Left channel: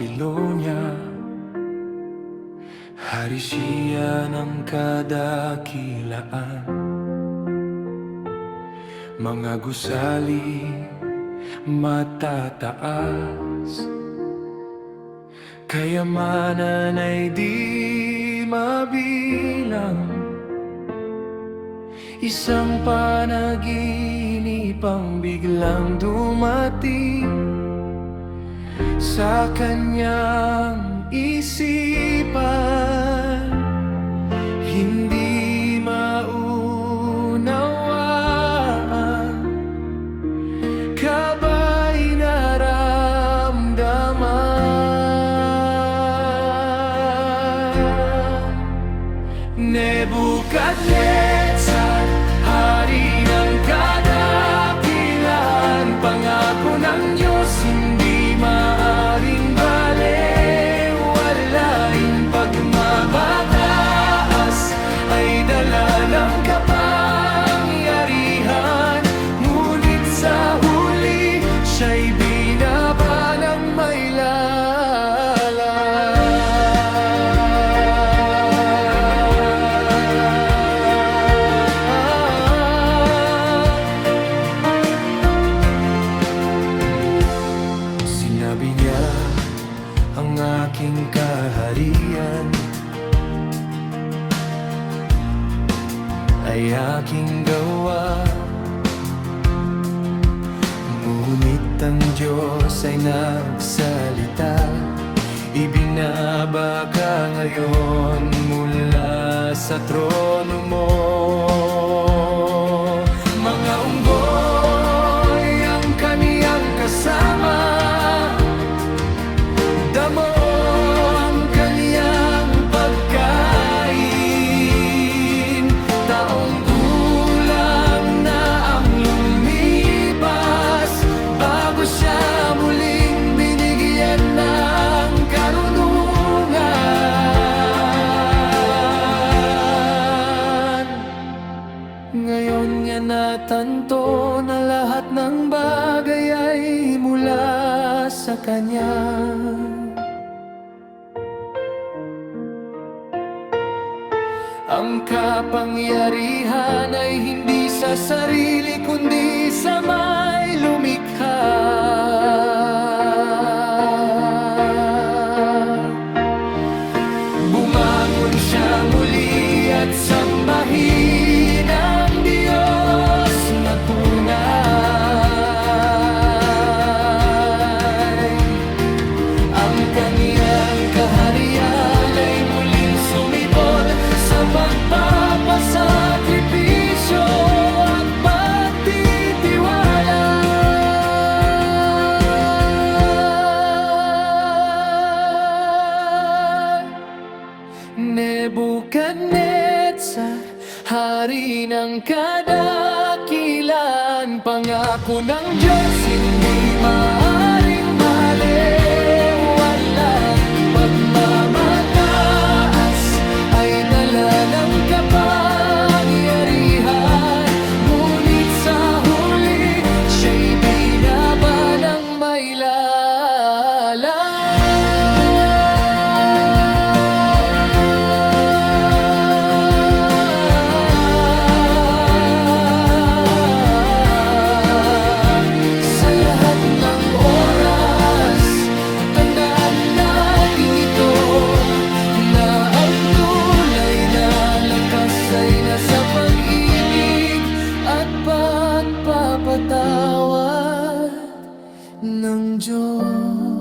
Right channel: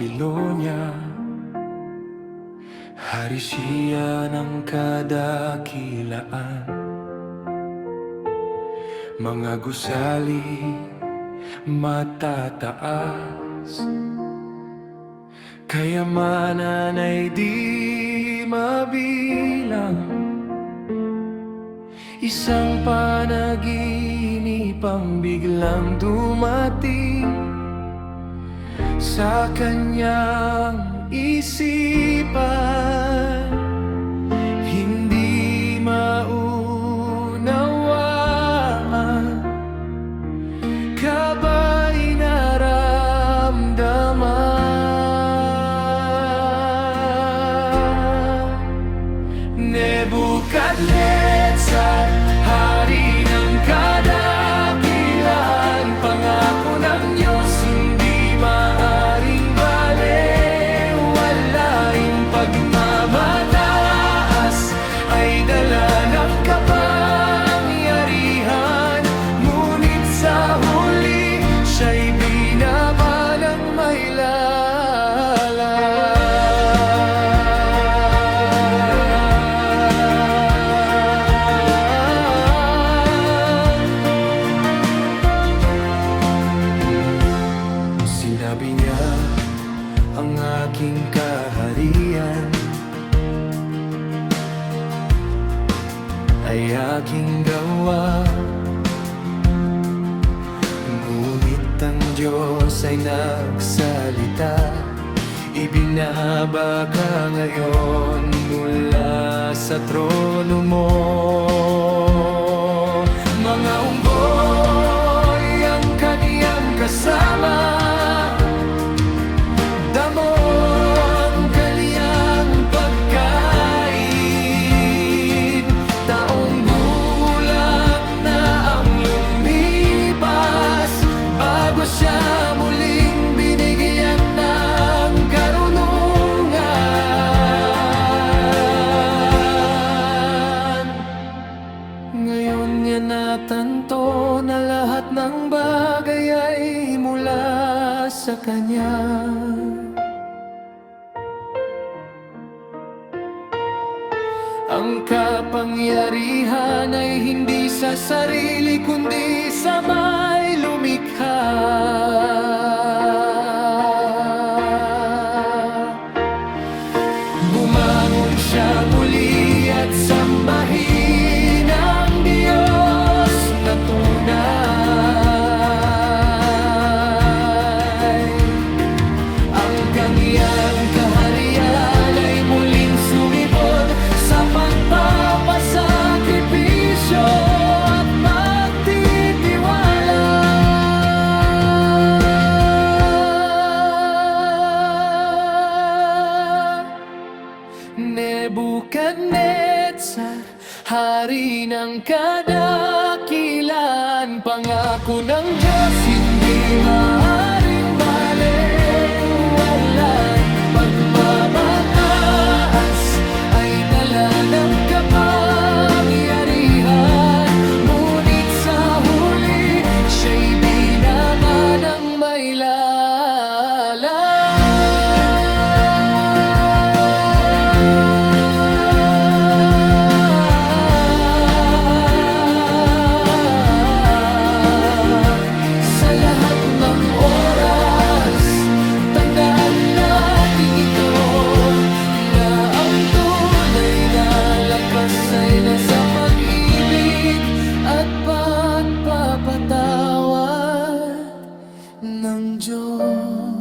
Babilonia. Hari siya ng kadakilaan, mga gusali matataas, kayamanan ay di mabilang. Isang panaginip ang biglang dumating sa kanyang isipan, hindi maunawaan, kaba'y naramdaman. Nebukadnezar, hari ng kadakilan, pangako ng Diyos hindi maaring balewalain. Pagmamataas ay dala ng kapangyarihan, ngunit sa huli siya'y binaba ng may Sinabi niya, ang aking kaharian ay aking gawa, ngunit ang Diyos ay nagsalita. Ibinaba ka ngayon mula sa trono mo. Mga unggoy ang kaniyang kasama, damo ang kaniyang pagkain. Taong gulang na ang lumipas bago siya muling binigyan ng karunungan. Ngayon niya natanto na lahat ng bagay ay mula sa Kanya. Ang kapangyarihan ay hindi sa sarili kundi sa may lumikha. Bumangon siya muli at sambahin ang Diyos na tunay. Ang kaniyang kaharian ay muling sumibol sa pagpapasakripisyo at pagtitiwala. Nebukadnezar, hari ng kadakilan, pangako ng Diyos hindi maaring balewalain. Pagmamataas ay dala ng kapangyarihan, ngunit sa huli siya'y binaba ng may Sa lahat ng oras, tandaan natin ito, na ang tunay na lakas ay nasa pag-ibig at pagpapatawad ng Diyos.